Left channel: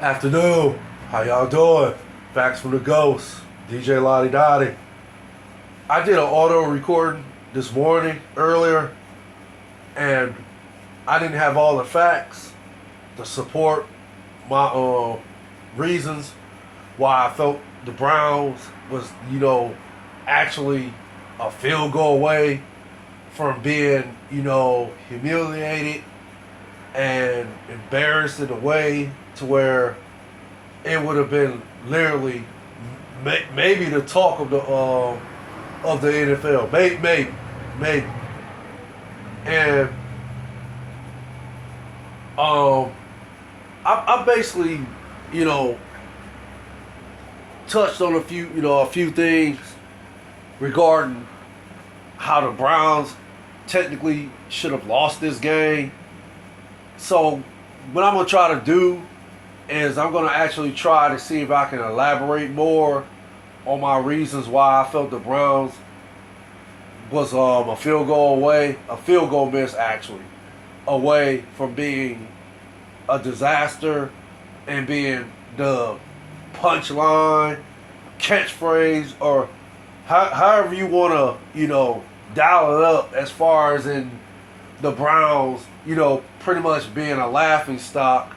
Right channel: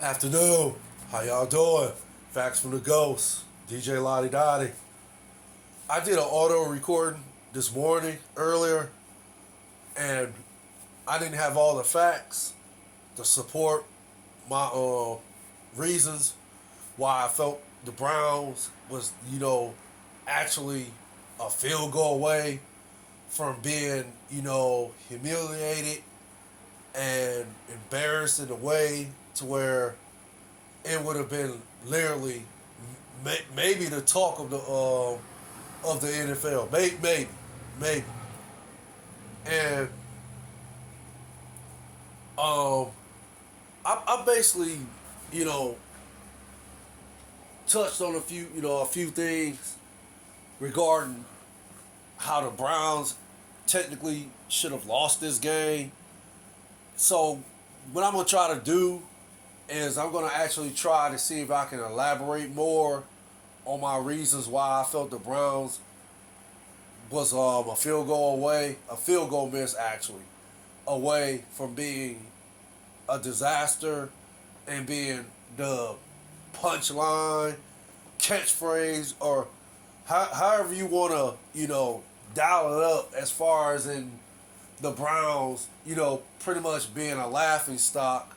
Afternoon. How y'all doing? Facts from the Ghost. DJ Lottie Dottie. I did an auto recording this morning earlier, and I didn't have all the facts to support my reasons why I felt the Browns was, actually a field goal away from being, humiliated and embarrassed in a way to where it would have been literally maybe the talk of the NFL. Maybe. And um, I basically, you know, touched on a few things regarding how the Browns technically should have lost this game. So what I'm gonna try to do is I'm gonna actually try to see if I can elaborate more on my reasons why I felt the Browns was a field goal miss actually, away from being a disaster and being the punchline, catchphrase, or however you want to, dial it up as far as in the Browns, pretty much being a laughing stock,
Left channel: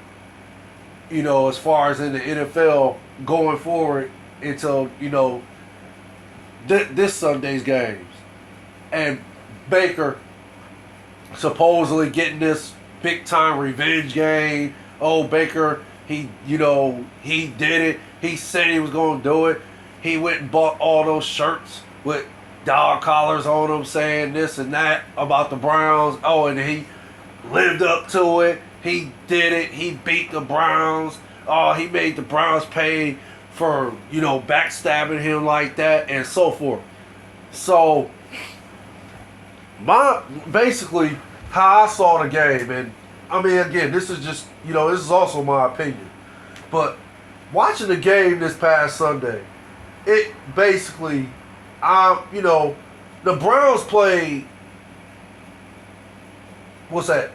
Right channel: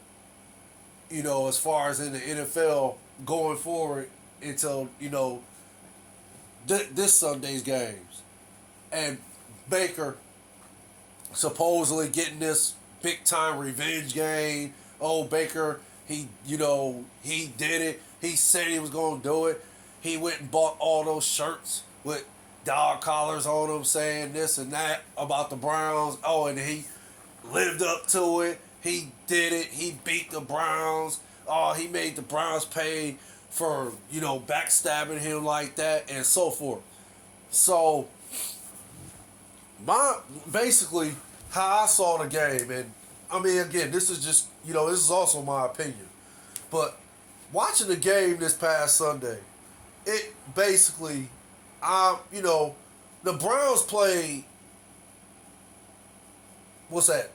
as far as in the NFL going forward until, this Sunday's games. And Baker supposedly getting this big time revenge game. Oh, Baker, he did it. He said he was going to do it. He went and bought all those shirts with dog collars on them saying this and that about the Browns. Oh, and he lived up to it. He did it. He beat the Browns. Oh, he made the Browns pay for, backstabbing him like that and so forth. So, basically how I saw the game, and I mean, again, this is just, this is also my opinion. But watching the game this past Sunday, it basically, the Browns played, what's that,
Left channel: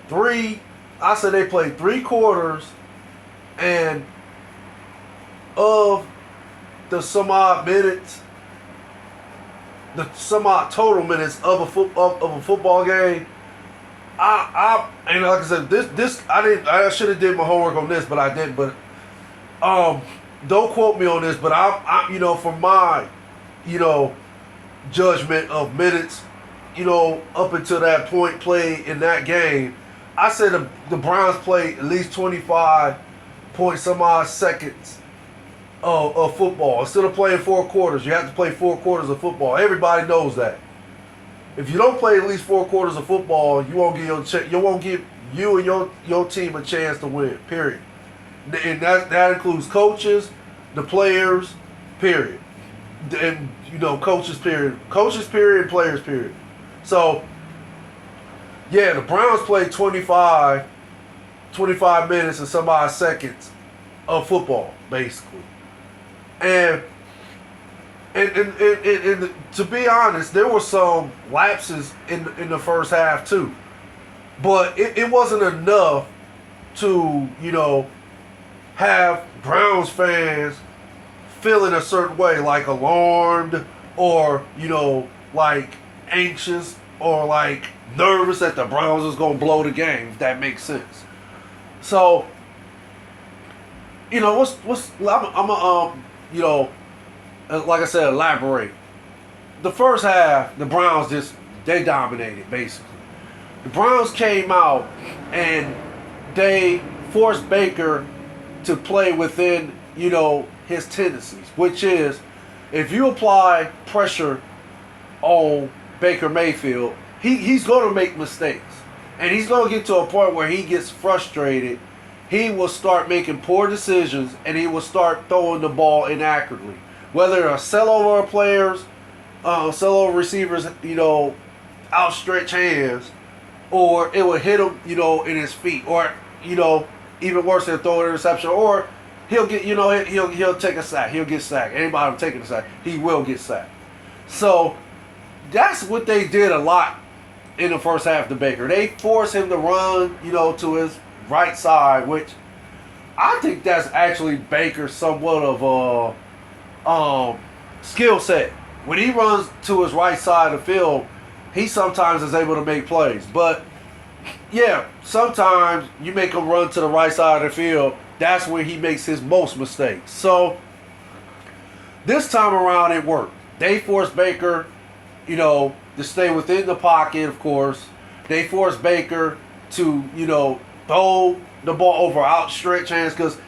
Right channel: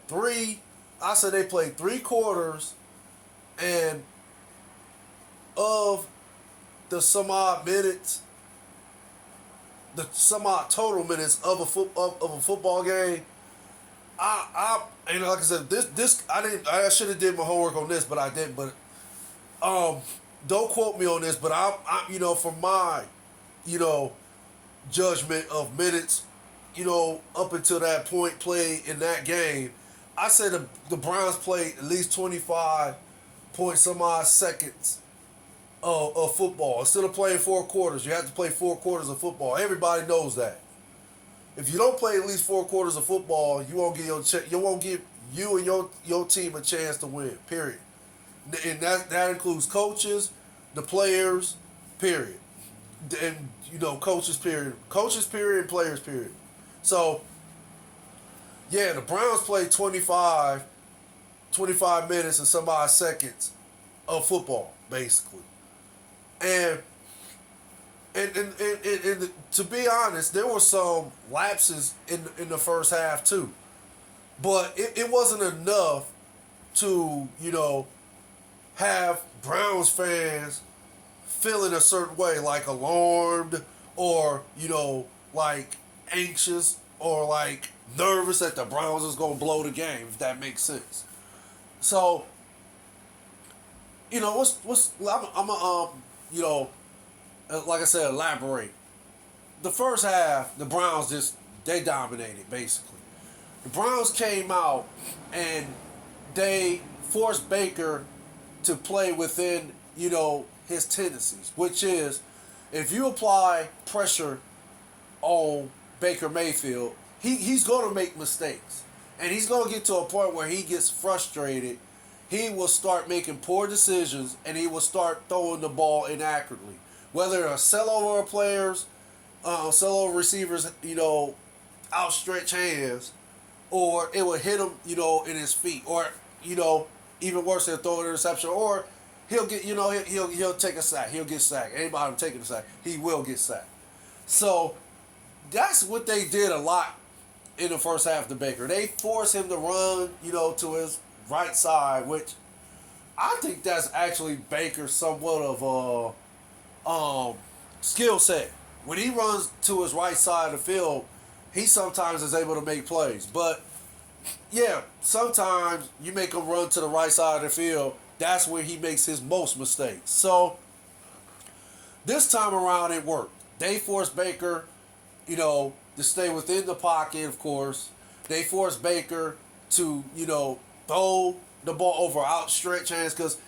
I said they played 3 quarters, and of the some odd minutes, the some odd total minutes of a football game, and like I said, this I should have did my homework on this, but I didn't. But don't quote me on this, but I from my, judgment of minutes, up until that point played in that game, I said the Browns played at least 25 point some odd seconds of football. Instead of playing 4 quarters, you have to play 4 quarters of football. Everybody knows that. If you don't play at least 4 quarters of football, you won't give you and your team a chance to win. Period. And that includes coaches, the players, period. And coaches period, and players period. So yeah, the Browns played 25 minutes and some odd seconds of football basically. And to be honest, there were some lapses in the first half too. But it wasn't enough to, have Browns fans feeling a certain way, like alarmed or, like anxious or like nervous that the Browns was going to blow the game, if that makes sense. So, like I said, elaborate. The first half, the Browns they dominated, basically. The Browns came out and they forced Baker to play within, his tendencies, which is if you apply pressure on Baker Mayfield, he's going to make mistakes. And he's going to get to a point where he gets frustrated. He will start making poor decisions and he will start throwing the ball inaccurately. Whether a sell over players, sell over receivers, outstretched hands, or it will hit him, in his feet, or, even worse than throwing an interception, or he'll get, he'll take a sack. He'll get sacked. Anybody taking a sack, he will get sacked. So that's what they did a lot in the first half to Baker. They forced him to run, to his right side, which I think that's actually Baker's somewhat of a skill set. When he runs to his right side of the field, he sometimes is able to make plays. But yeah, sometimes you make him run to the right side of the field. That's where he makes his most mistakes. So this time around, it worked. They forced Baker, to stay within the pocket, of course. They forced Baker to, throw the ball over outstretched hands because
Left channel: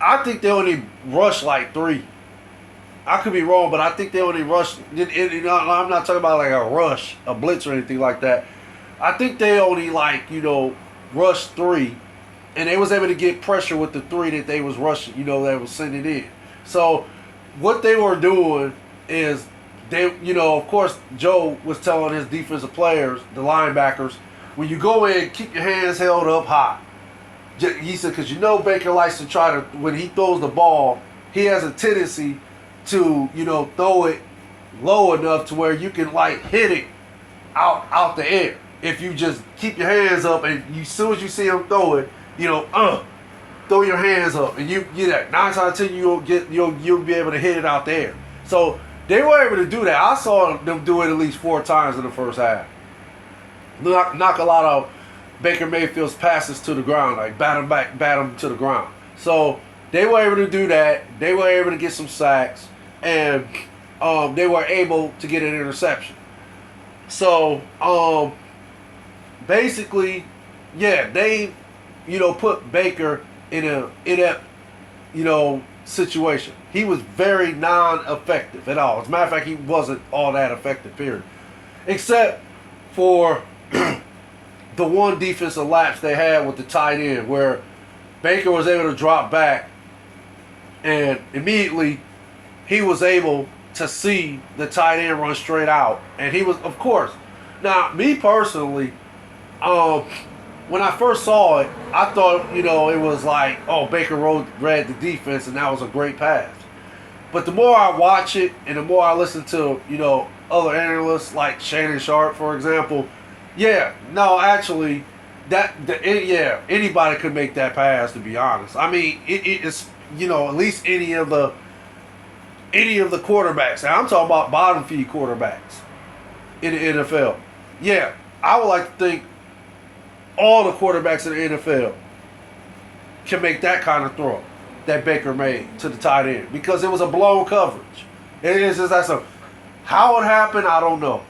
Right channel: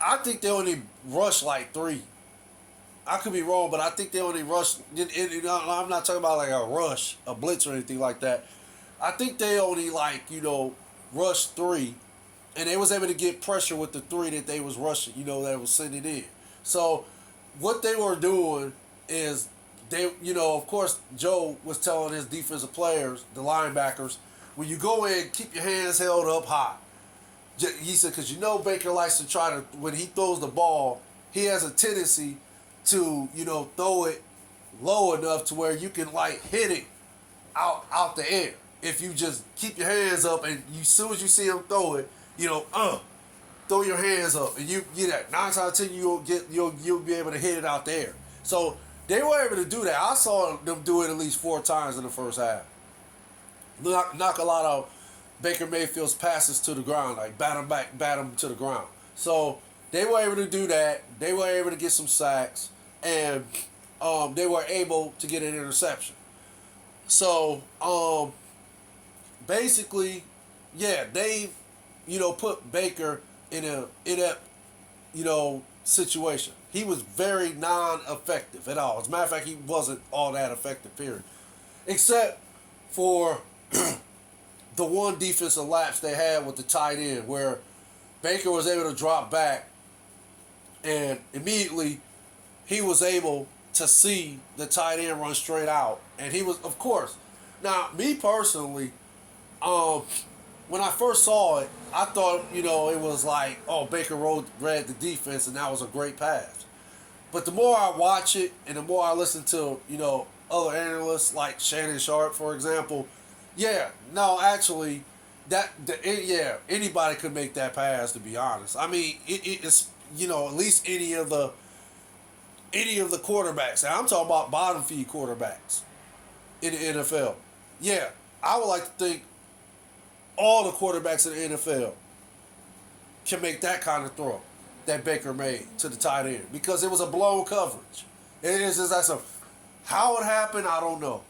I think they only rushed like 3. I could be wrong, but I think they only rushed. I'm not talking about like a rush, a blitz, or anything like that. I think they only rushed 3, and they was able to get pressure with the 3 that they was rushing. They was sending in. So what they were doing is they, of course, Joe was telling his defensive players, the linebackers, when you go in, keep your hands held up high. He said, because Baker likes to try to, when he throws the ball, he has a tendency to, throw it low enough to where you can, hit it out the air. If you just keep your hands up and as soon as you see him throw it, throw your hands up and you get that. 9 times out of 10, you'll be able to hit it out the air. So they were able to do that. I saw them do it at least 4 times in the first half. Knock a lot of Baker Mayfield's passes to the ground, bat him to the ground. So they were able to do that. They were able to get some sacks, and they were able to get an interception. So basically, yeah, they put Baker in a inept situation. He was very non-effective at all. As a matter of fact, he wasn't all that effective, period. Except for the one defensive lapse they had with the tight end where Baker was able to drop back and immediately he was able to see the tight end run straight out. And he was, of course, now me personally, when I first saw it, I thought, it was like, oh, Baker read the defense and that was a great pass. But the more I watch it and the more I listen to, other analysts like Shannon Sharp, for example, actually, anybody could make that pass, to be honest. I mean, it's, at least any of the quarterbacks. And I'm talking about bottom feed quarterbacks in the NFL. Yeah, I would like to think all the quarterbacks in the NFL can make that kind of throw that Baker made to the tight end because it was a blown coverage. It is just that's how it happened, I don't know.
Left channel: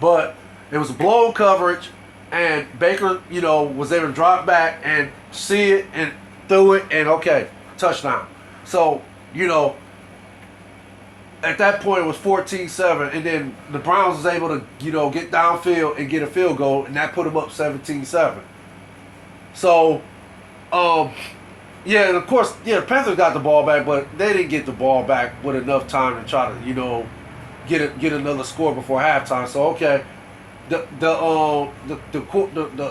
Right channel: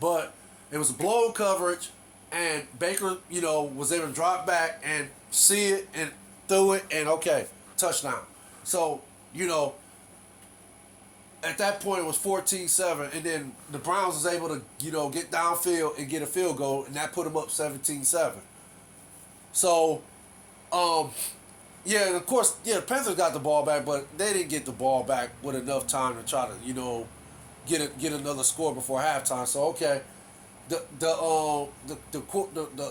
But it was a blown coverage, and Baker, was able to drop back and see it and threw it, and okay, touchdown. So, at that point it was 14-7, and then the Browns was able to, get downfield and get a field goal, and that put them up 17-7. So, and of course, the Panthers got the ball back, but they didn't get the ball back with enough time to try to, get another score before halftime. So okay, the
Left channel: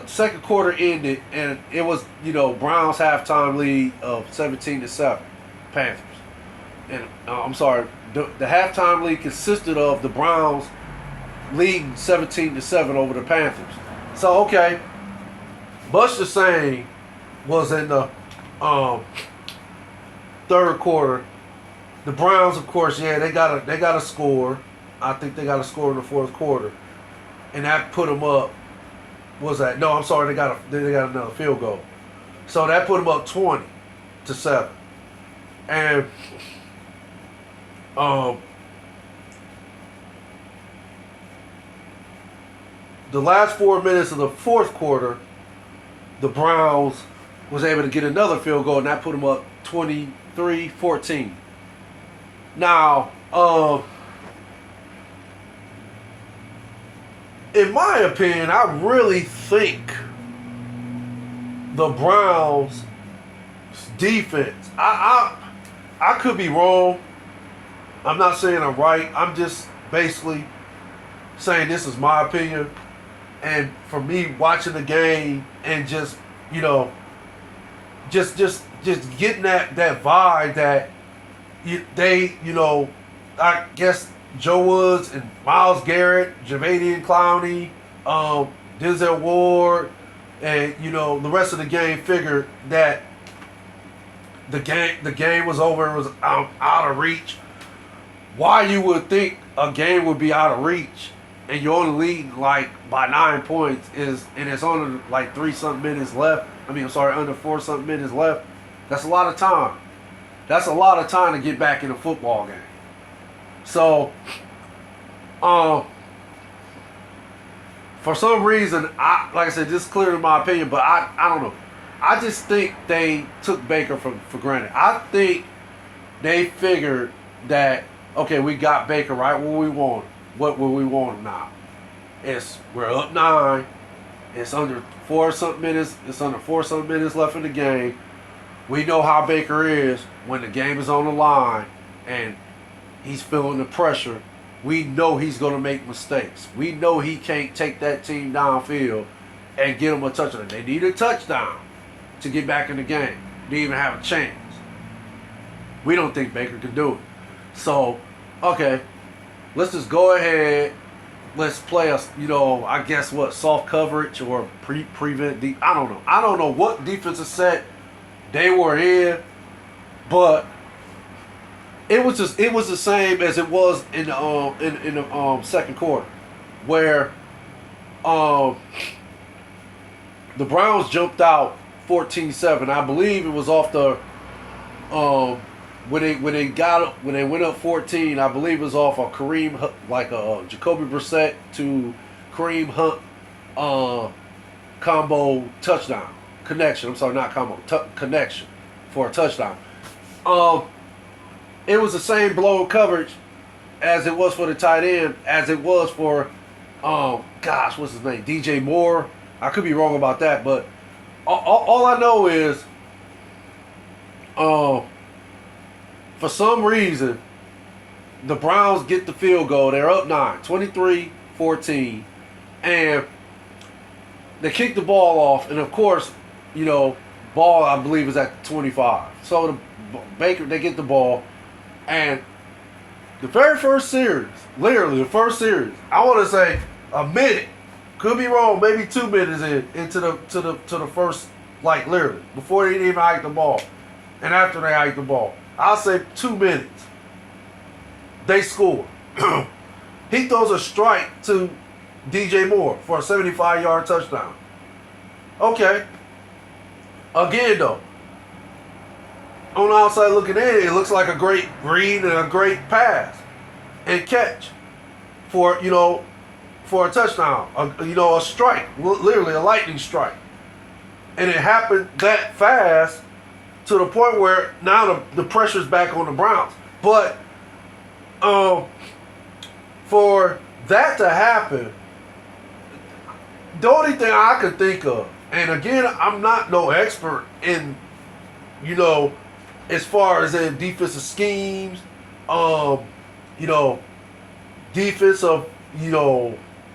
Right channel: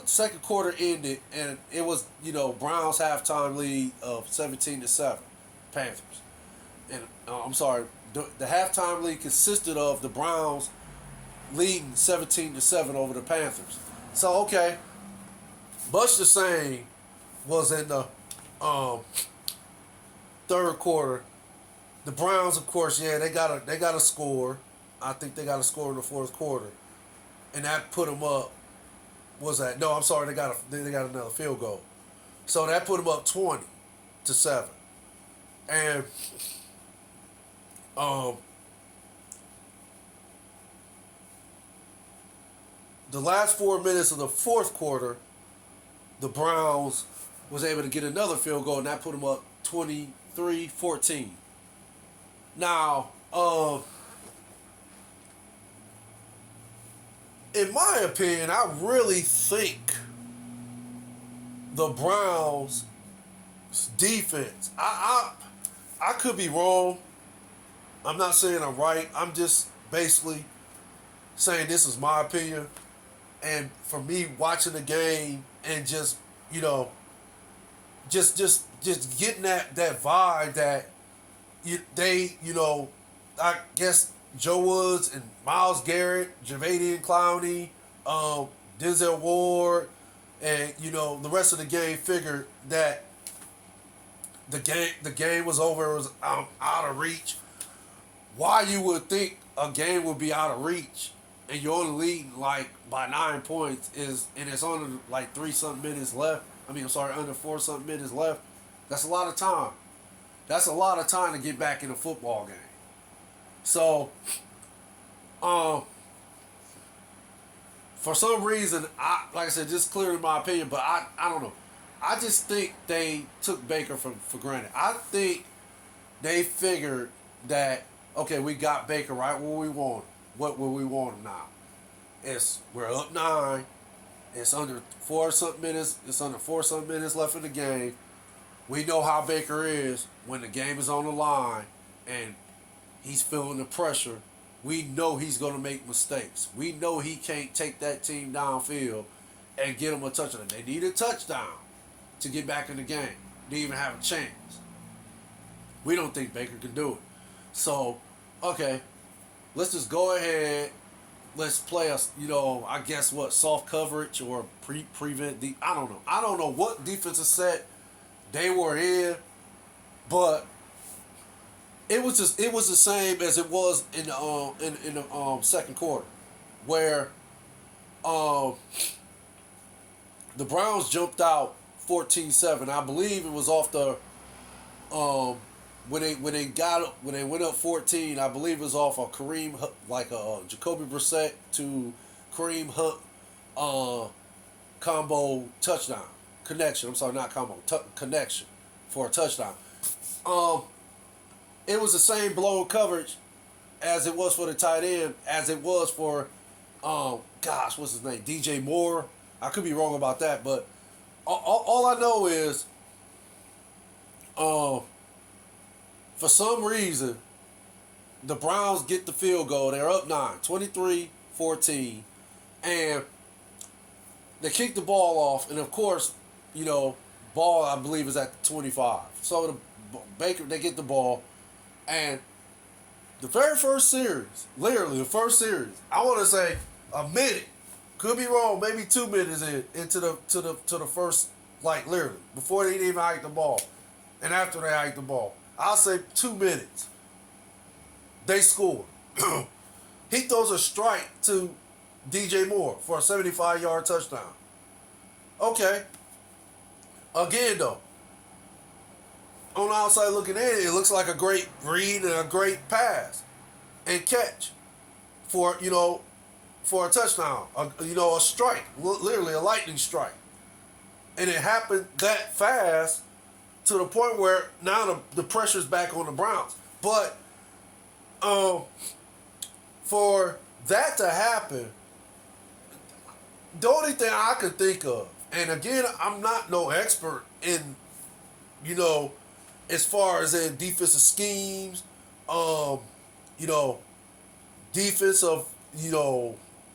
second quarter ended, and it was Browns halftime lead of 17-7, Panthers. And I'm sorry, the halftime lead consisted of the Browns leading 17-7 over the Panthers. So okay, much the same was in the third quarter. The Browns, of course, they got a score. I think they got a score in the fourth quarter, and that put them up. Was that? No, I'm sorry. They got another field goal, so that put them up 20-7, and the last 4 minutes of the fourth quarter, the Browns was able to get another field goal, and that put them up 23-14. Now, in my opinion, I really think the Browns' defense, I could be wrong. I'm not saying I'm right. I'm just basically saying this is my opinion. And for me, watching the game and just getting that vibe that I guess Joe Woods and Myles Garrett, Javadian Clowney, Denzel Ward, and the rest of the game figured that The game was over. It was out of reach. Why you would think a game would be out of reach and you're only leading like by 9 points and it's only like 3 something minutes left. I mean, I'm sorry, under 4 something minutes left. That's a lot of time. That's a lot of time to get back in a football game. So, for some reason, like I said, just clearly my opinion, but I don't know. I just think they took Baker for granted. I think they figured that, okay, we got Baker right where we want him. What will we want him now? We're up 9. It's under 4 something minutes. It's under 4 something minutes left in the game. We know how Baker is when the game is on the line and he's feeling the pressure. We know he's going to make mistakes. We know he can't take that team downfield and get them a touchdown. They need a touchdown to get back in the game to even have a chance. We don't think Baker can do it. So, okay, let's just go ahead. Let's play I guess what, soft coverage or prevent. I don't know. I don't know what defensive set they were in, but it was the same as it was in the second quarter, where the Browns jumped out 14-7. I believe it was off the when they went up 14. I believe it was off a Kareem, like a Jacoby Brissett to Kareem Hunt combo touchdown connection. I'm sorry, not combo connection for a touchdown. It was the same blow coverage as it was for the tight end, as it was for what's his name, DJ Moore. I could be wrong about that, but all I know is, for some reason, the Browns get the field goal. They're up 9, 23-14, and they kick the ball off. And of course, ball I believe is at the 25. So they get the ball, and the very first series, literally the first series, I want to say a minute. Could be wrong, maybe 2 minutes into the first, like literally, before they even hike the ball. And after they hike the ball. I'll say 2 minutes. They score. He throws a strike to DJ Moore for a 75-yard touchdown. Okay. Again though, on the outside looking in, it looks like a great read and a great pass and catch for a touchdown, a strike, literally a lightning strike. And it happened that fast to the point where now the pressure's back on the Browns. But for that to happen, the only thing I could think of, and again, I'm not no expert in, as far as in defensive schemes, defensive,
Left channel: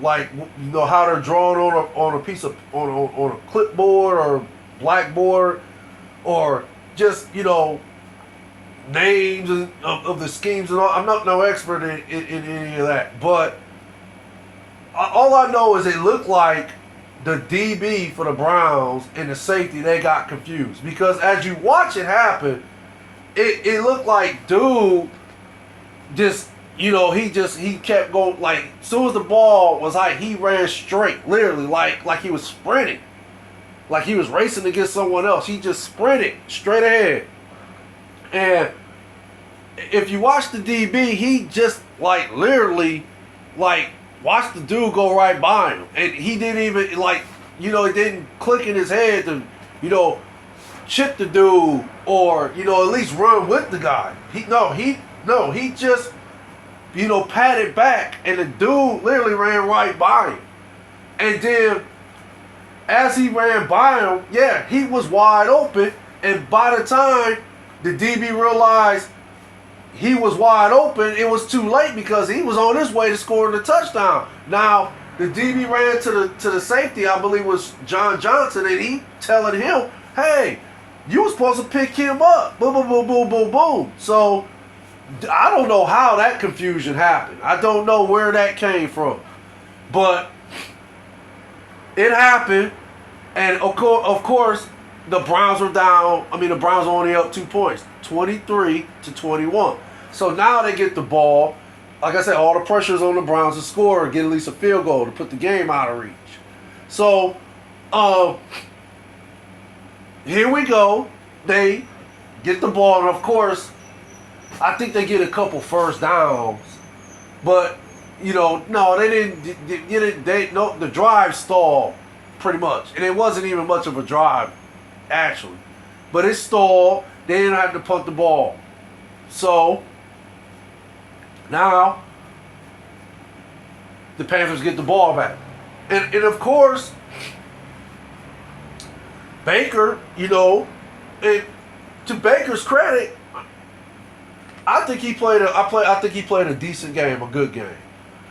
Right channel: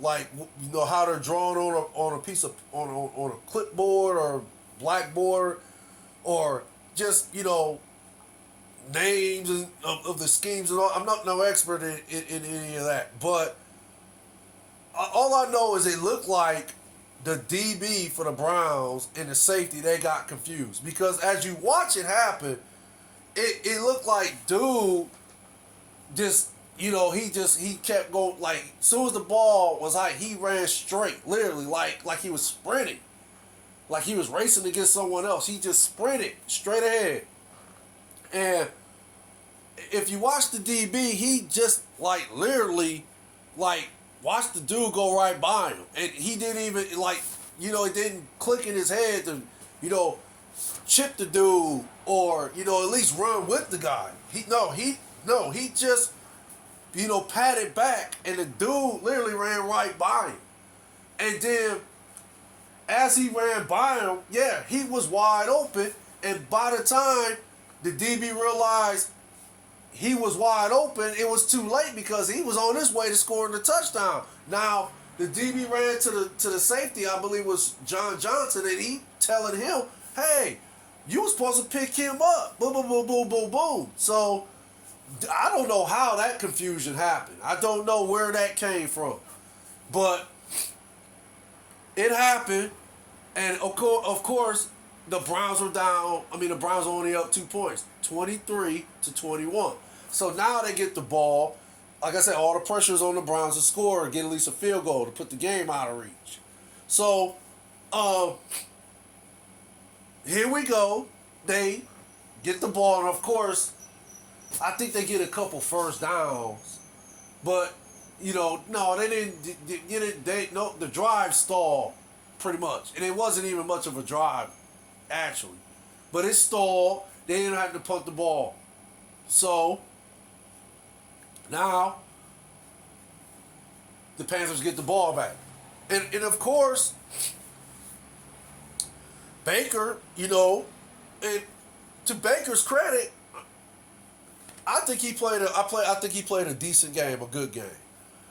how they're drawn on a piece of on a clipboard or blackboard, or just names of the schemes and all. I'm not no expert in any of that, but all I know is it looked like the DB for the Browns and the safety, they got confused, because as you watch it happen, it looked like dude just. He kept going, like, as soon as the ball was high, he ran straight, literally, like he was sprinting. Like he was racing against someone else. He just sprinted straight ahead. And if you watch the DB, he just, literally, watched the dude go right by him. And he didn't even, it didn't click in his head to, chip the dude or, at least run with the guy. He just... patted back, and the dude literally ran right by him. And then, as he ran by him, he was wide open, and by the time the DB realized he was wide open, it was too late because he was on his way to scoring the touchdown. Now, the DB ran to the safety, I believe was John Johnson, and he telling him, hey, you were supposed to pick him up. Boom, boom, boom, boom, boom, boom. So, I don't know how that confusion happened. I don't know where that came from. But it happened. And of course, the Browns were down. I mean, the Browns were only up 2 points, 23-21. So now they get the ball. Like I said, all the pressure's on the Browns to score or get at least a field goal to put the game out of reach. So, here we go. They get the ball, and of course, I think they get a couple first downs. But, no, they didn't. The drive stalled pretty much. And it wasn't even much of a drive, actually. But it stalled. They didn't have to punt the ball. So, now, the Panthers get the ball back. And of course, Baker, and to Baker's credit, I think he played a decent game, a good game.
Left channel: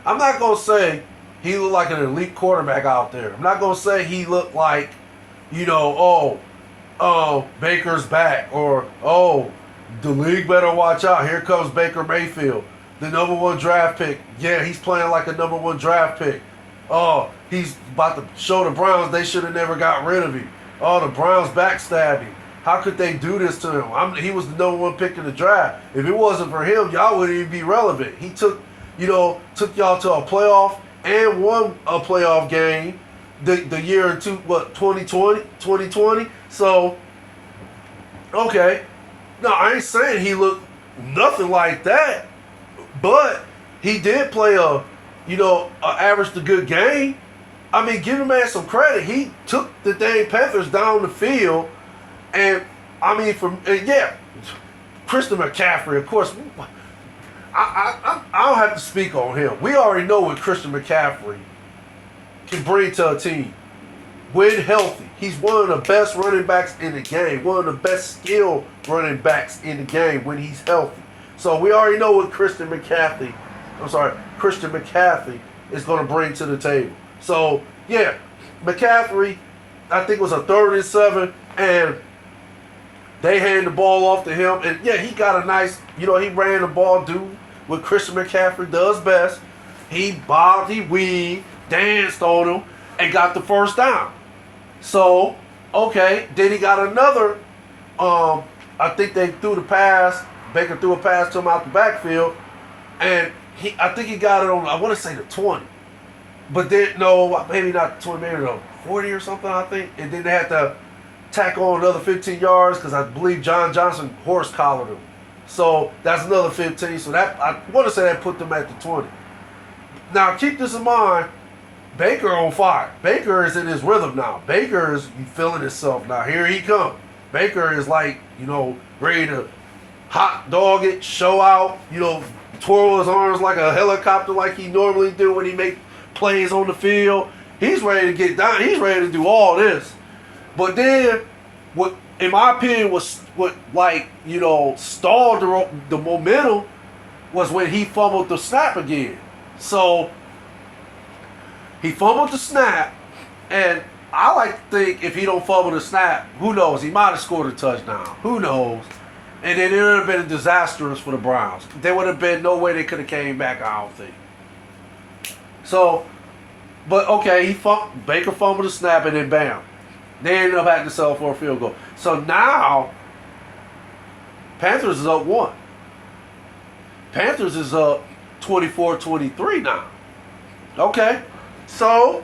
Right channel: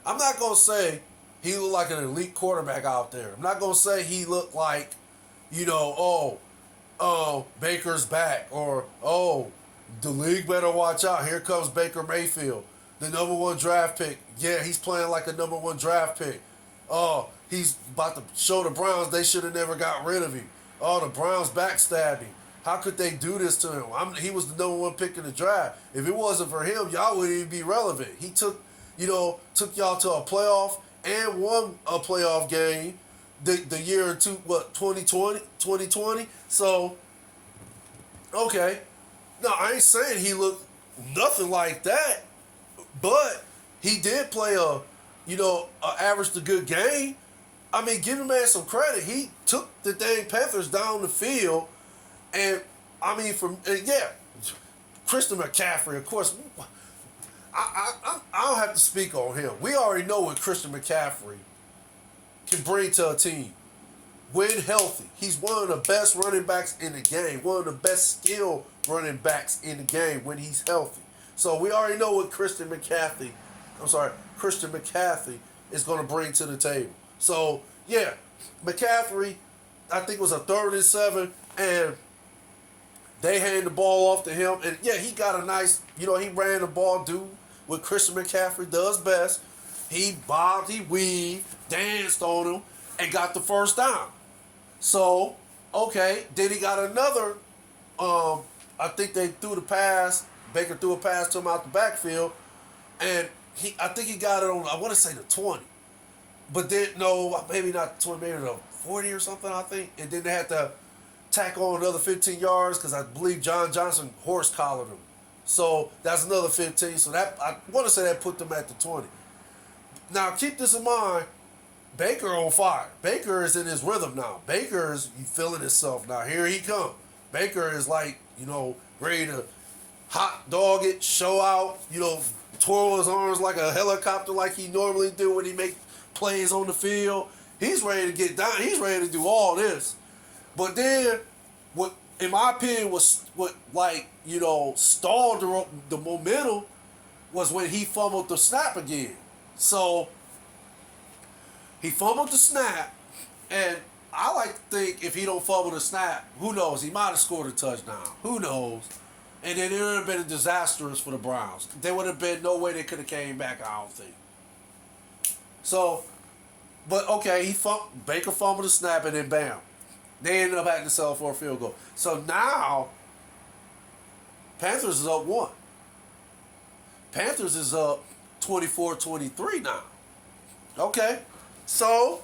I'm not gonna say he looked like an elite quarterback out there. I'm not gonna say he looked like, Baker's back, or the league better watch out. Here comes Baker Mayfield, the number one draft pick. Yeah, he's playing like a number one draft pick. Oh, he's about to show the Browns they should have never got rid of him. Oh, the Browns backstabbed him. How could they do this to him? He was the number one pick in the draft. If it wasn't for him, y'all wouldn't even be relevant. He took y'all to a playoff and won a playoff game the year in 2020? So, okay. No, I ain't saying he looked nothing like that, but he did play a average to good game. I mean, give him man some credit. He took the dang Panthers down the field, and I mean, Christian McCaffrey, of course. I don't have to speak on him. We already know what Christian McCaffrey can bring to a team. When healthy, he's one of the best running backs in the game. One of the best skilled running backs in the game when he's healthy. So we already know what Christian McCaffrey is going to bring to the table. So, yeah, McCaffrey, I think it was a 3rd and 7, and they handed the ball off to him. And, yeah, he got a nice, he ran the ball, do what Christian McCaffrey does best. He bobbed, he weaved, danced on him, and got the first down. So, okay, then he got another, I think they threw the pass. Baker threw a pass to him out the backfield, and I think he got it on, I want to say the 20. But then, no, maybe not 20, maybe the 40 or something, I think. And then they had to tack on another 15 yards because I believe John Johnson horse-collared him. So that's another 15. So that, I want to say that put them at the 20. Now, keep this in mind. Baker on fire. Baker is in his rhythm now. Baker is feeling himself now. Here he comes. Baker is like, ready to hot dog it, show out, twirl his arms like a helicopter like he normally do when he make plays on the field. He's ready to get down. He's ready to do all this. But then, what, in my opinion, was what stalled the momentum was when he fumbled the snap again. So he fumbled the snap, and I like to think if he don't fumble the snap, who knows? He might have scored a touchdown. Who knows? And then it would have been disastrous for the Browns. There would have been no way they could have came back, I don't think. So, but okay, Baker fumbled the snap, and then bam. They ended up having to settle for a field goal. So now, Panthers is up 1. Panthers is up 24-23 now. Okay, so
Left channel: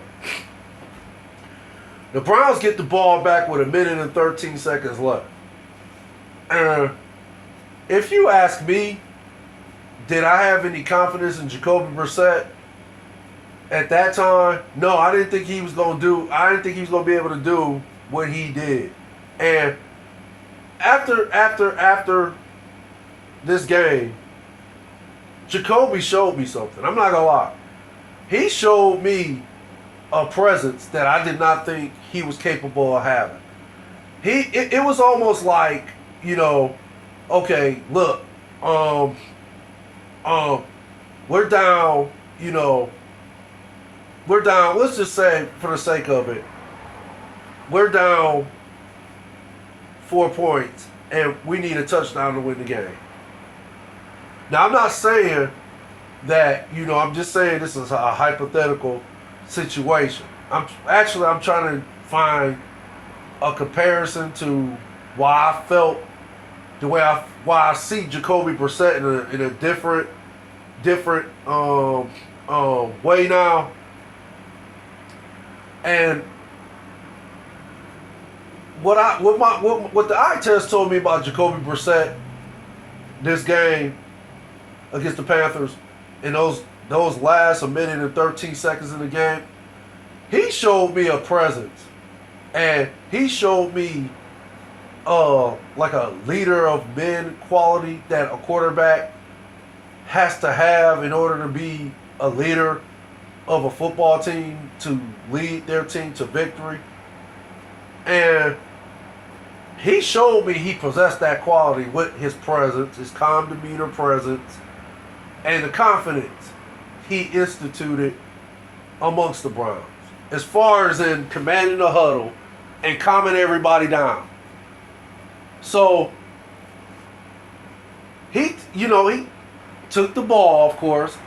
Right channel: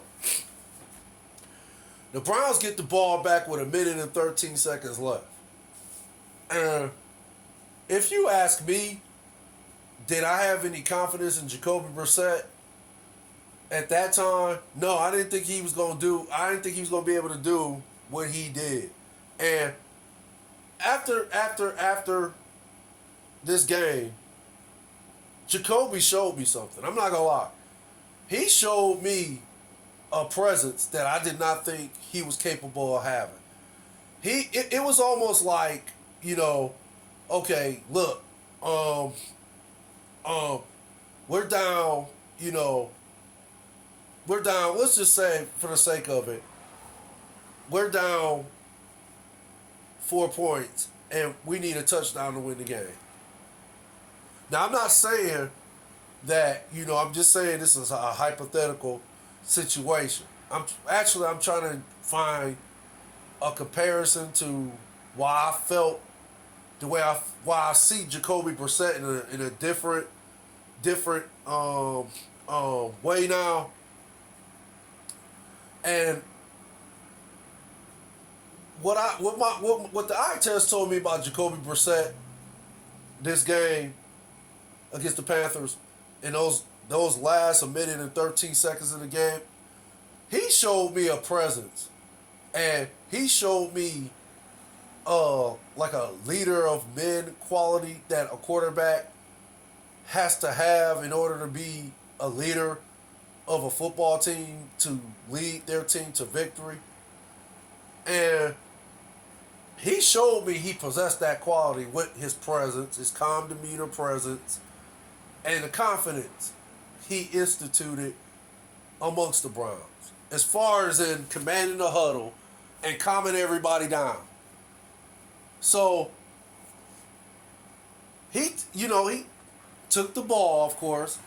the Browns get the ball back with 1 minute and 13 seconds left. And if you ask me, did I have any confidence in Jacoby Brissett at that time? No, I didn't think he was going to be able to do what he did. And after this game, Jacoby showed me something. I'm not going to lie. He showed me a presence that I did not think he was capable of having. It was almost like, okay, look, we're down, let's just say, for the sake of it, we're down 4 points, and we need a touchdown to win the game. Now, I'm not saying that, I'm just saying this is a hypothetical situation. I'm trying to find a comparison to why I felt the way why I see Jacoby Brissett in a different way now. And what the eye test told me about Jacoby Brissett this game against the Panthers in those last a minute and 13 seconds in the game, he showed me a presence, and he showed me like a leader of men quality that a quarterback has to have in order to be a leader of a football team, to lead their team to victory. And he showed me he possessed that quality with his presence, his calm demeanor presence, and the confidence he instituted amongst the Browns. As far as in commanding the huddle and calming everybody down. So, he took the ball, of course.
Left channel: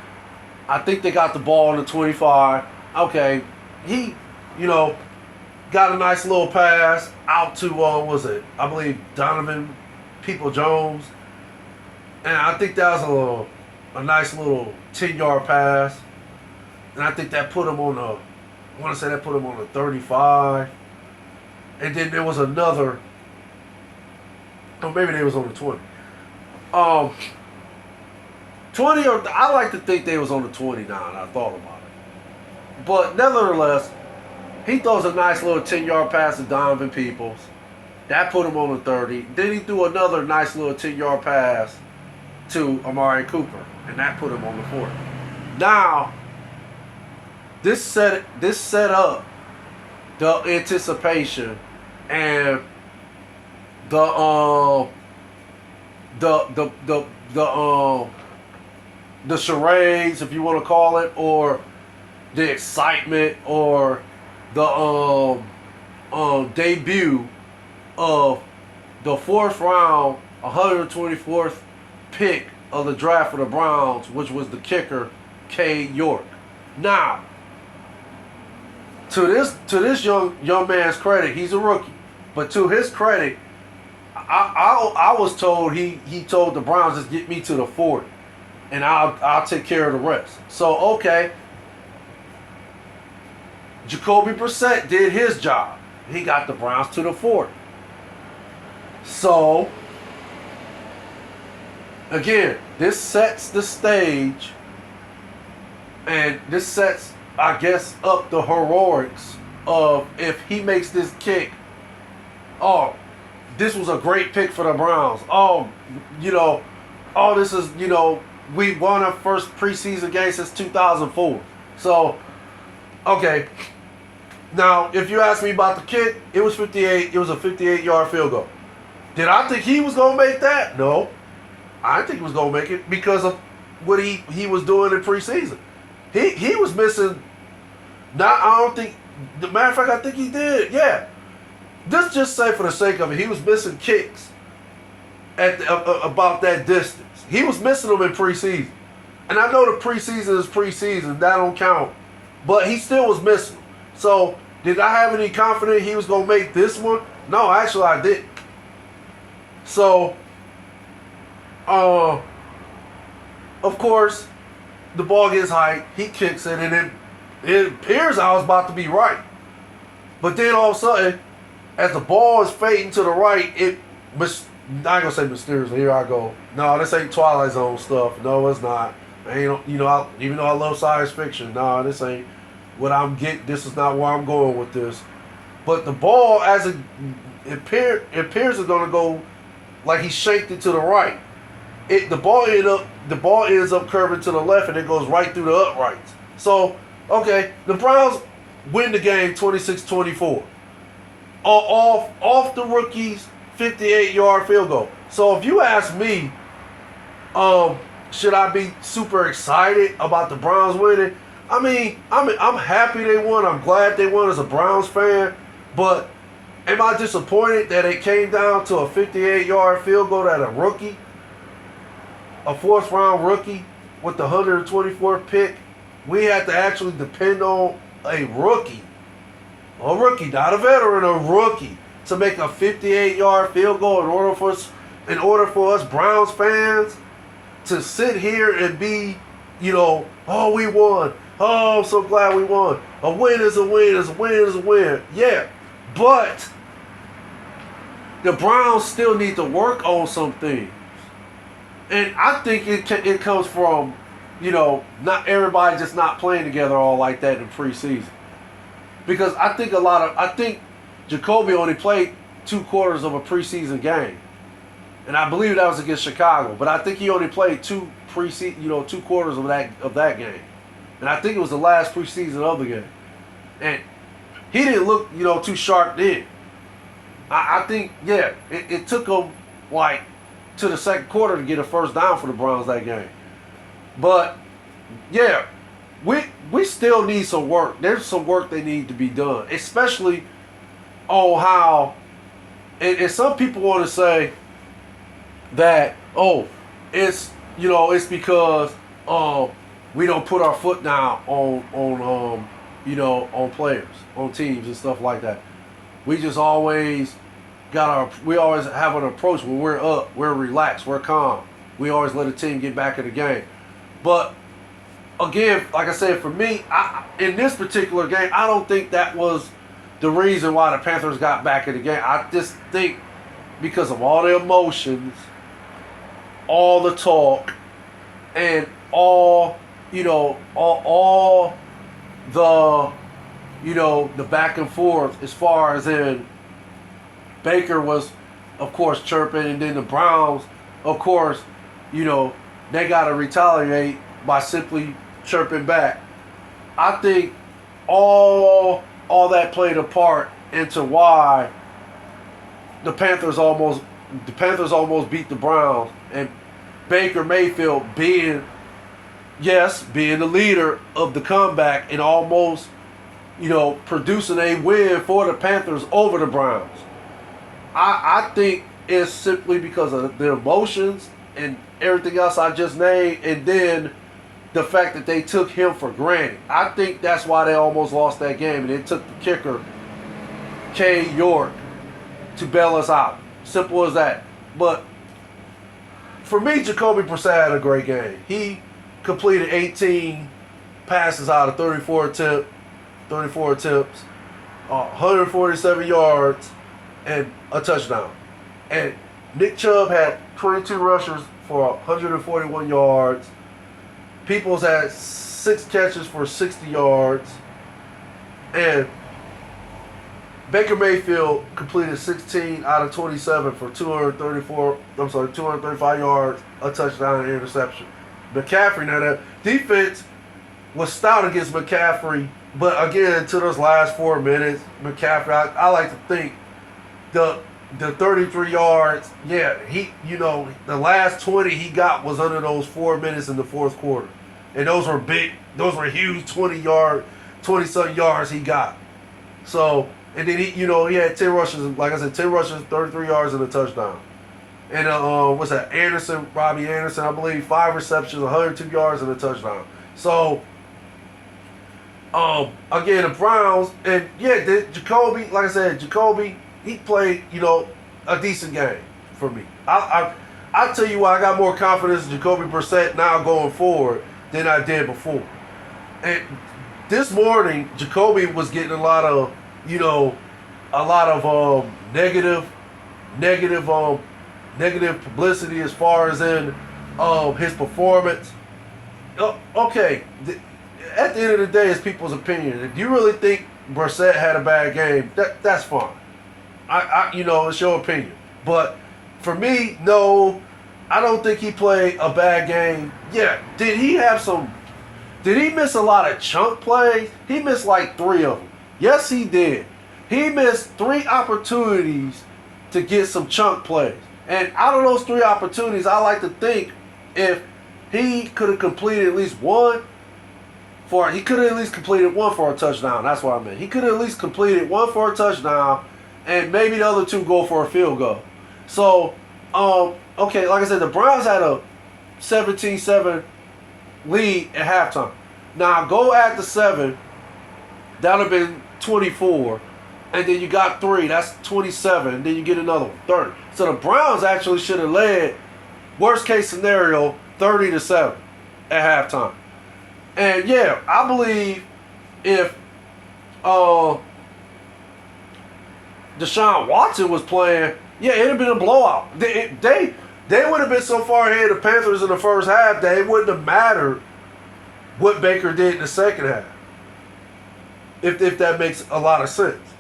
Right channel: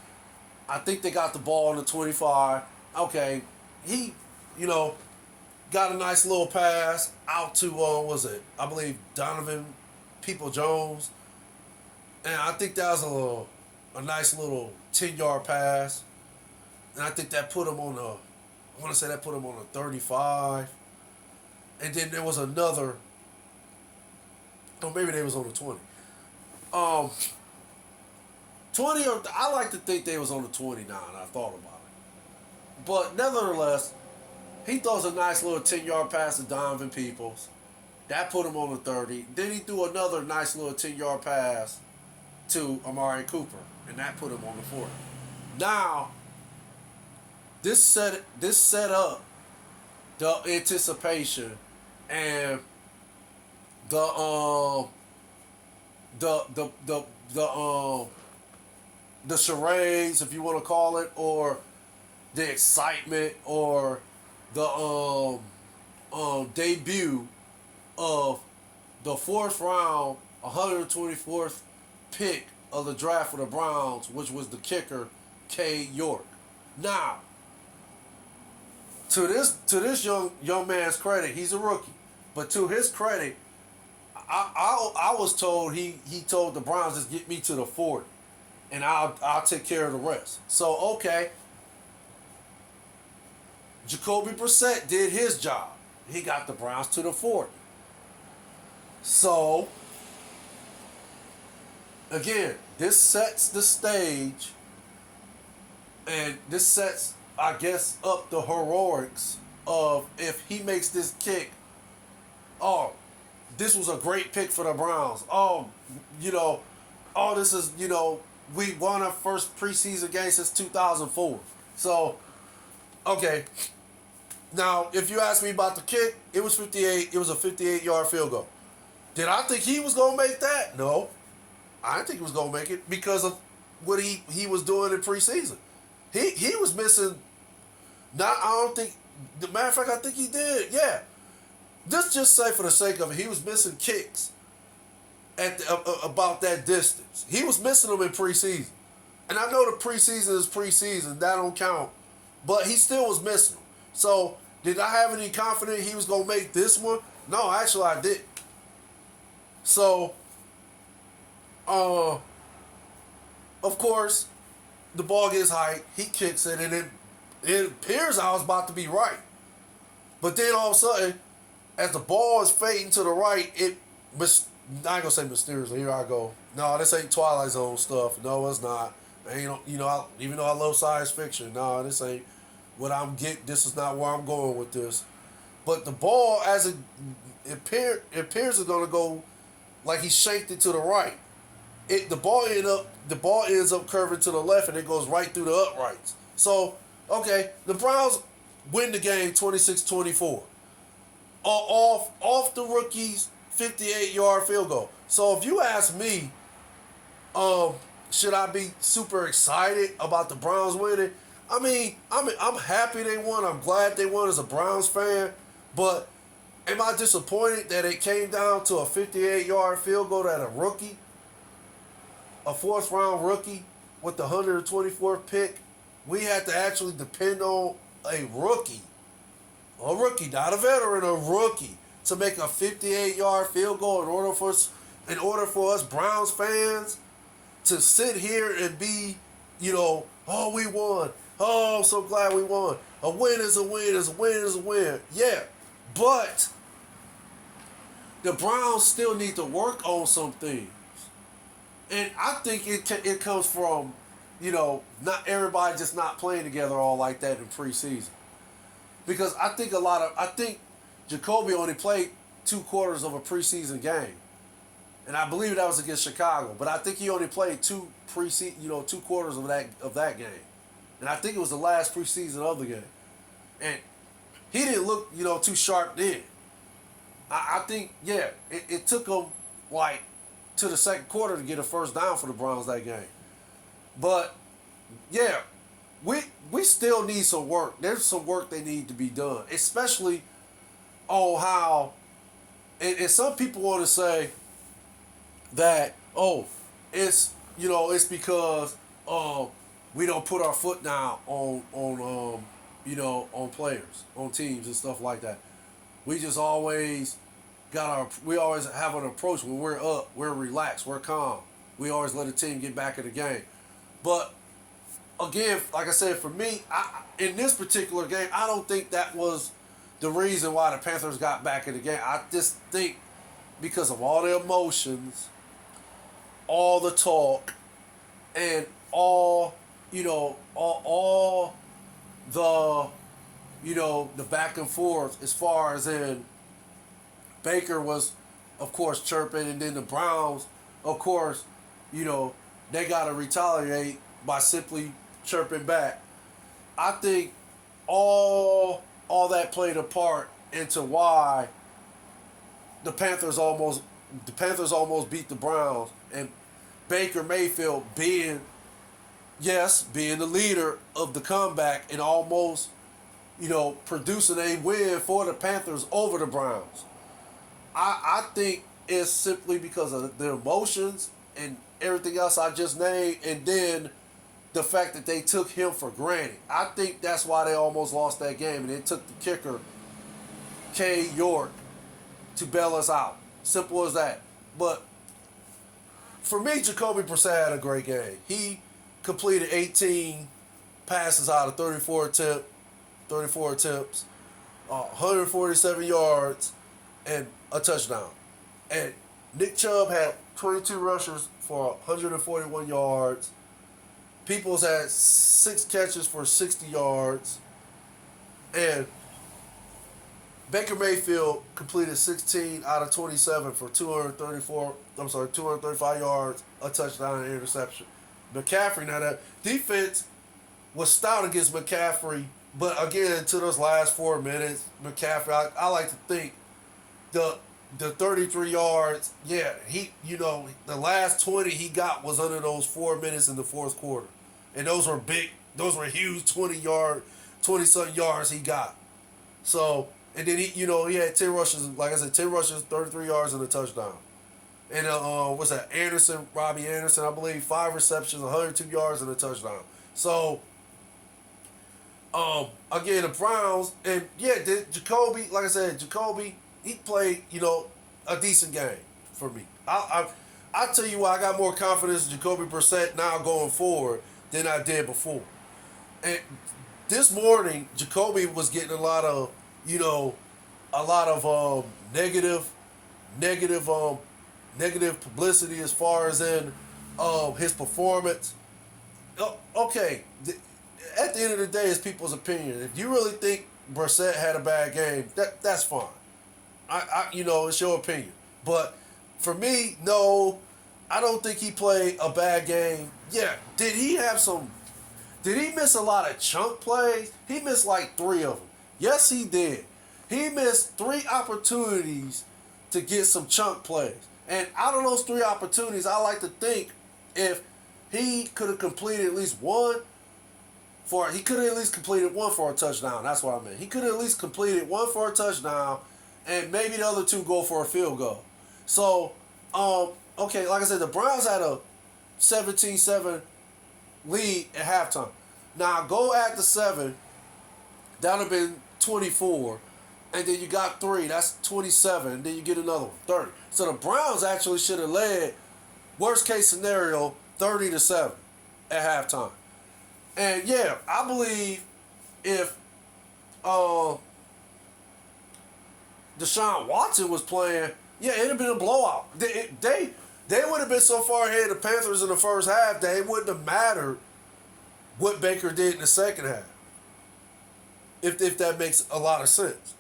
I think they got the ball on the 25. Okay, he, got a nice little pass out to, I believe Donovan People-Jones. And I think that was a nice little 10-yard pass. And I think that put him on the 35. And then there was another, or maybe they was on the 20. 20, or I like to think they was on the 20 now, and I thought about it. But nevertheless, he throws a nice little 10-yard pass to Donovan Peoples. That put him on the 30. Then he threw another nice little 10-yard pass to Amari Cooper, and that put him on the 40. Now, this set up the anticipation and the charades, if you want to call it, or the excitement, or the debut of the fourth round, 124th pick of the draft for the Browns, which was the kicker, Cade York. Now, to this young man's credit, he's a rookie, but to his credit, I was told he told the Browns, just get me to the 40, and I'll take care of the rest. So okay, Jacoby Brissett did his job. He got the Browns to the 40. So again, this sets the stage, and this sets, I guess, up the heroics of if he makes this kick. Oh, this was a great pick for the Browns. This is, we won our first preseason game since 2004. So, okay. Now, if you ask me about the kick, it was 58. It was a 58-yard field goal. Did I think he was going to make that? No. I didn't think he was going to make it because of what he was doing in preseason. He was missing. The matter of fact, I think he did. Yeah. Just say for the sake of it, he was missing kicks at about that distance. He was missing them in preseason. And I know the preseason is preseason. That don't count. But he still was missing them. So, did I have any confidence he was going to make this one? No, actually I didn't. So, of course, the ball gets high. He kicks it, and it appears I was about to be right. But then all of a sudden, as the ball is fading to the right, I ain't gonna say mysteriously. Here I go. No, this ain't Twilight Zone stuff. No, it's not. Even though I love science fiction, no, this ain't what I'm getting. This is not where I'm going with this. But the ball, as it appears it's gonna go like he shanked it to the right. The ball ends up curving to the left, and it goes right through the uprights. So, okay, the Browns win the game 26-24. Off the rookie's 58-yard field goal. So if you ask me, should I be super excited about the Browns winning? I mean, I'm happy they won. I'm glad they won as a Browns fan. But am I disappointed that it came down to a 58-yard field goal that a rookie, a fourth-round rookie with the 124th pick, we had to actually depend on a rookie, not a veteran, a rookie, to make a 58-yard field goal in order for us Browns fans to sit here and be, oh, we won. Oh, I'm so glad we won. A win is a win, is a win is a win. Yeah, but the Browns still need to work on some things. And I think it comes from, not everybody just not playing together all like that in preseason. Because I think Jacoby only played 2 quarters of a preseason game. And I believe that was against Chicago. But I think he only played 2 quarters of that game. And I think it was the last preseason of the game. And he didn't look, too sharp then. I think, it took him to the second quarter to get a first down for the Browns that game. But we still need some work. There's some work that need to be done, especially on how. And some people want to say that it's because we don't put our foot down on players, on teams and stuff like that. We just always we always have an approach when we're up, we're relaxed, we're calm. We always let the team get back in the game. But again, like I said, for me, in this particular game, I don't think that was the reason why the Panthers got back in the game. I just think because of all the emotions, all the talk, and all the back and forth as far as in Baker was, of course, chirping, and then the Browns, of course, they got to retaliate by simply chirping back. I think all that played a part into why the Panthers almost beat the Browns, and Baker Mayfield being the leader of the comeback and almost, producing a win for the Panthers over the Browns. I think it's simply because of the emotions and everything else I just named, and then the fact that they took him for granted. I think that's why they almost lost that game, and it took the kicker, Cade to bail us out. Simple as that. But for me, Jacoby Brissett had a great game. He completed 18 passes out of 34 attempts, 147 yards, and a touchdown. And Nick Chubb had 22 rushes for 141 yards. Peoples had 6 catches for 60 yards. And Baker Mayfield completed 16 out of 27 for 235 yards, a touchdown, and an interception. McCaffrey, now that defense was stout against McCaffrey, but again, to those last 4 minutes, McCaffrey, I like to think the 33 yards, he, the last 20 he got was under those 4 minutes in the fourth quarter. And those were huge 20-something yards he got. So, and then he had 10 rushes, like I said, 10 rushes, 33 yards, and a touchdown. And Robbie Anderson, I believe, 5 receptions, 102 yards, and a touchdown. So, again, the Browns, and Jacoby, like I said, he played, a decent game for me. I tell you why I got more confidence in Jacoby Brissett now going forward than I did before. And this morning, Jacoby was getting a lot of negative publicity as far as in his performance. Okay, at the end of the day, it's people's opinion. If you really think Brissett had a bad game, that's fine. It's your opinion. But for me, no, I don't think he played a bad game. Yeah, did he miss a lot of chunk plays? He missed like 3 of them. Yes, he did. He missed 3 opportunities to get some chunk plays. And out of those 3 opportunities, I like to think if he could have completed at least one for a touchdown. That's what I meant. He could have at least completed one for a touchdown, and maybe the other 2 go for a field goal. So, okay, like I said, the Browns had a 17-7 lead at halftime. Now, go at the 7, that would have been 24. and then you got 3. That's 27, and then you get another one, 30. So the Browns actually should have led, worst case scenario, 30-7 at halftime. And yeah, I believe if Deshaun Watson was playing, yeah, it'd have been a blowout. They would have been so far ahead of the Panthers in the first half that it wouldn't have mattered what Baker did in the second half. If that makes a lot of sense.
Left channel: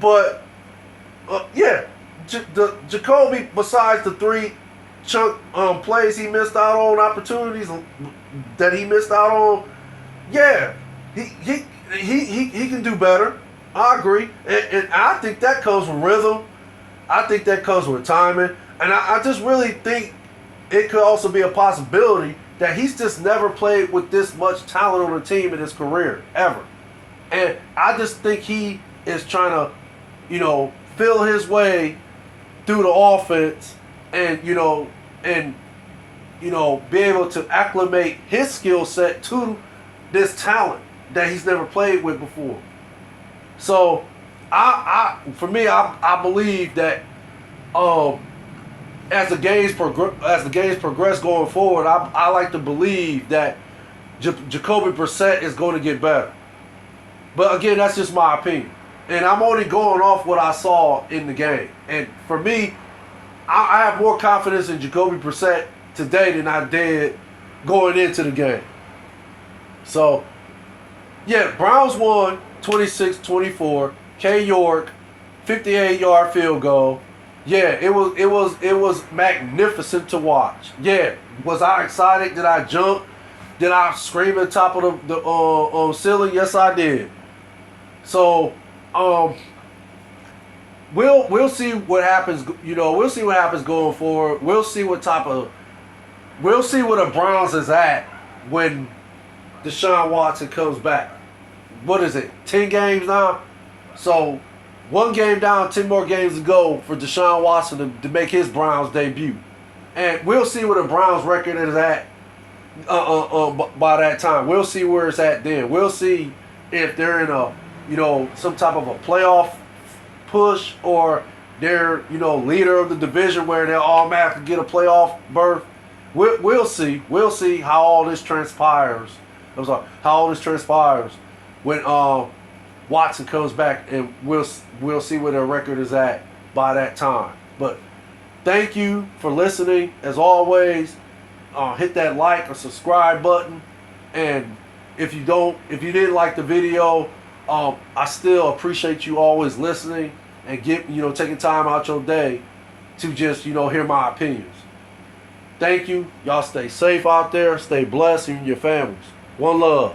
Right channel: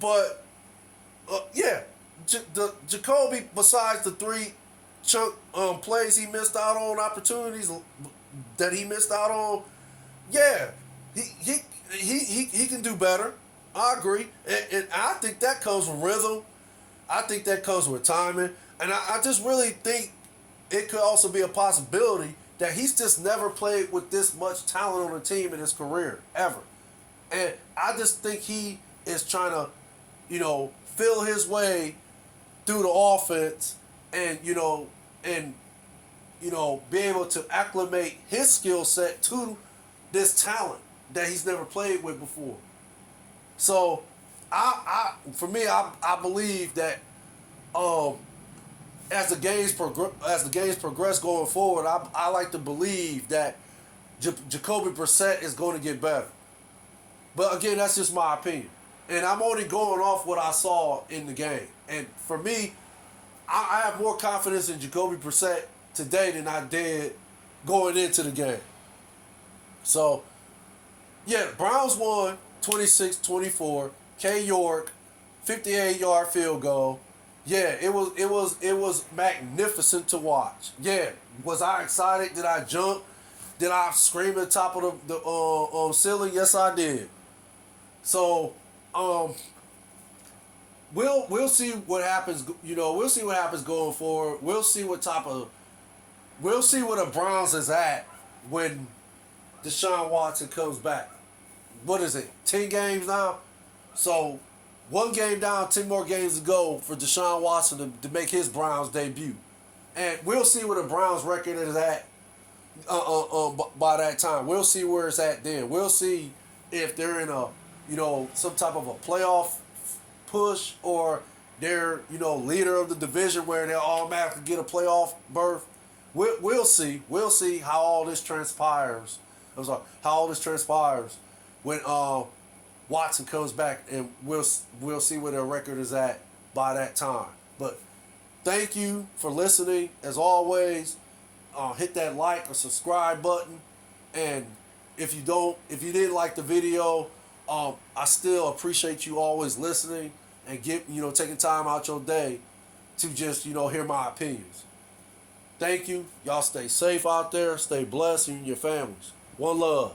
But, yeah, Jacoby, besides the 3 chunk plays he missed out on, opportunities that he missed out on, yeah, he can do better. I agree. And I think that comes with rhythm. I think that comes with timing. And I just really think it could also be a possibility that he's just never played with this much talent on the team in his career, ever. And I just think he is trying to, feel his way through the offense and, be able to acclimate his skill set to this talent that he's never played with before. So, for me, I believe that as the games progress going forward, I like to believe that Jacoby Brissett is going to get better. But again, that's just my opinion. And I'm only going off what I saw in the game. And for me, I have more confidence in Jacoby Brissett today than I did going into the game. So, yeah, Browns won 26-24. Cade York, 58-yard field goal. Yeah, it was magnificent to watch. Yeah, was I excited? Did I jump? Did I scream at the top of the ceiling? Yes, I did. So, we'll see what happens. We'll see what happens going forward. We'll see where the Browns is at when Deshaun Watson comes back. What is it? 10 games now. So, 1 game down, 10 more games to go for Deshaun Watson to make his Browns debut, and we'll see where the Browns record is at. By that time, we'll see where it's at. Then we'll see if they're in a some type of a playoff push, or they're leader of the division where they'll automatically get a playoff berth. We'll see. We'll see how all this transpires. How all this transpires when Watson comes back, and we'll see where their record is at by that time. But thank you for listening. As always, hit that like or subscribe button. And if you didn't like the video, I still appreciate you always listening and taking time out your day to just hear my opinions. Thank you. Y'all stay safe out there. Stay blessed, you and your families. One love.